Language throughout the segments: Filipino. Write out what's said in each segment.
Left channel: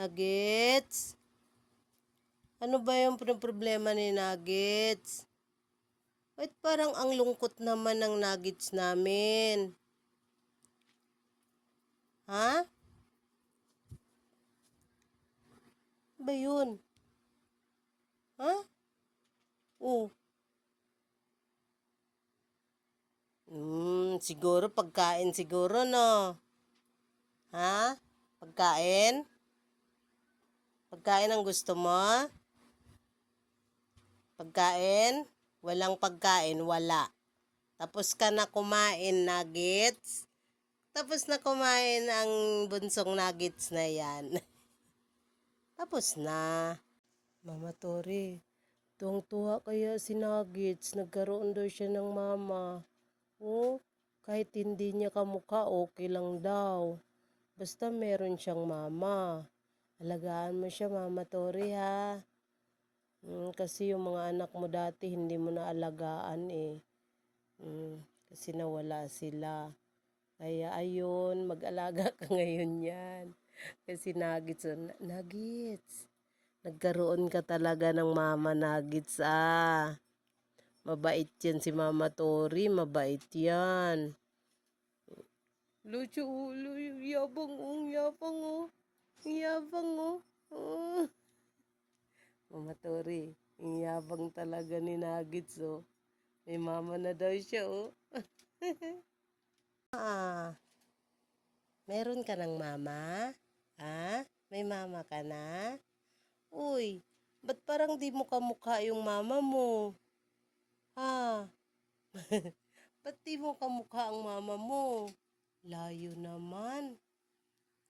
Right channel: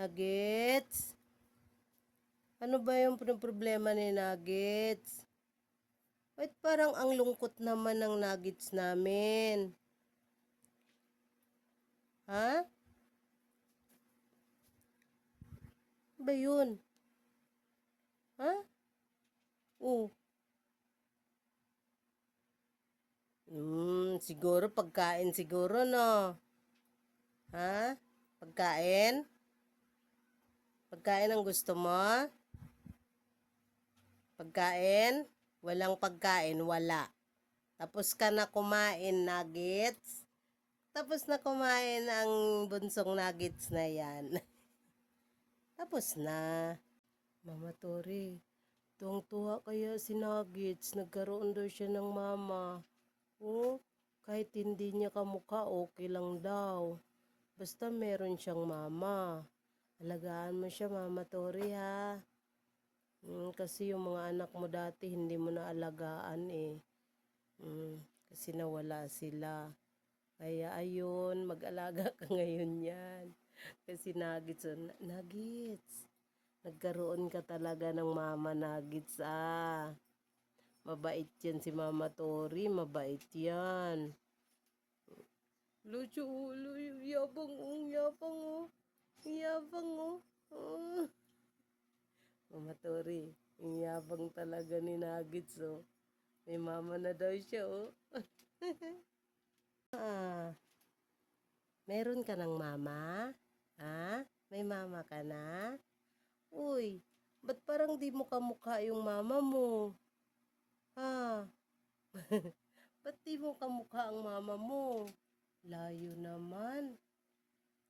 Nuggets? Ano ba yung problema ni Nuggets? Ba't parang ang lungkot naman ng Nuggets namin? Ha? Ba yun? Ha? Oh. Siguro pagkain siguro, no? Ha? Pagkain? Pagkain ang gusto mo? Pagkain? Walang pagkain, wala. Tapos ka na kumain, Nuggets? Tapos na kumain ang bunsong Nuggets na yan. Tapos na. Mama Tori, tuwang-tuwa kaya si Nuggets. Nagkaroon daw siya ng mama. Oh, kahit hindi niya kamukha, okay lang daw. Basta meron siyang mama. Alagaan mo siya, Mama Tori, ha? Kasi yung mga anak mo dati, hindi mo na alagaan eh. Kasi nawala sila. Kaya ayun, mag-alaga ka ngayon yan. Kasi Nuggets, nagkaroon ka talaga ng mama Nuggets, ah. Mabait yan si Mama Tori, mabait yan. Lucho, yabang yabang yabang Mama Tori, yabang talaga ni Nuggets, oh. May mama na daw siya, oh. Meron ka ng mama? Ha? May mama ka na? Uy, ba't parang di mo kamukha yung mama mo? Ha? Ba't di mo kamukha ang mama mo? Layo naman.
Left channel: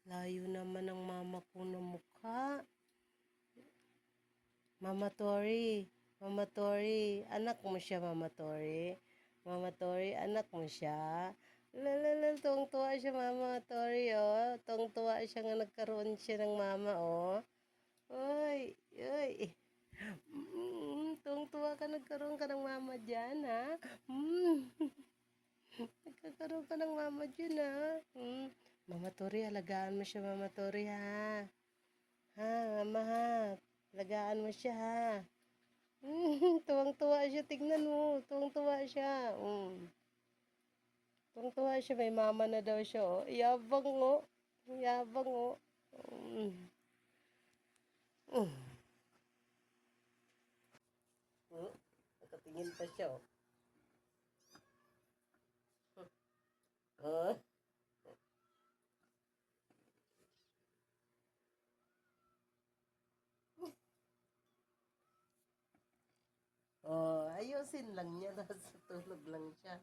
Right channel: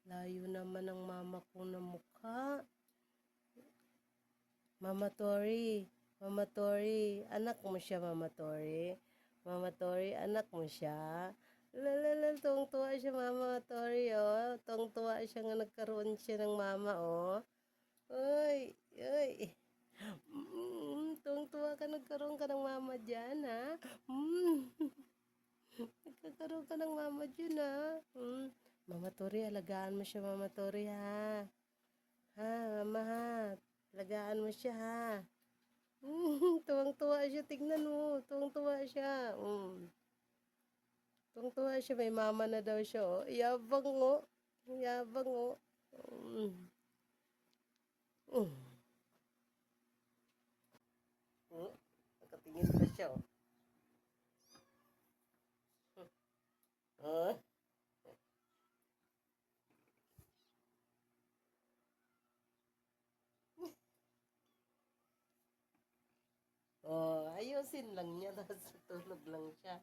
Layo naman ang mama ko na mukha. Mama Tori, anak mo siya, Mama Tori. Mama Tori, anak mo siya. Tuwang-tuwa siya, Mama Tori, oh. Tuwang-tuwa siya nga nagkaroon siya ng mama, oh. Uy, uy. Tuwang-tuwa ka, nagkaroon ka ng mama dyan, ha? Nagkakaroon ka ng mama dyan, ha? Mama Tori, alagaan mo siya, Mama Tori, ha? Ha, mama, ha? Alagaan mo siya, ha? Tuwang-tuwa siya, tignan mo. Tuwang-tuwa siya. Tuwang-tuwa siya, may mama na daw siya, oh. Yabang, oh. Yabang, oh. Nakatingin pa siya, oh. Huh? Oh, ayusin lang niya, tapos tulog lang siya.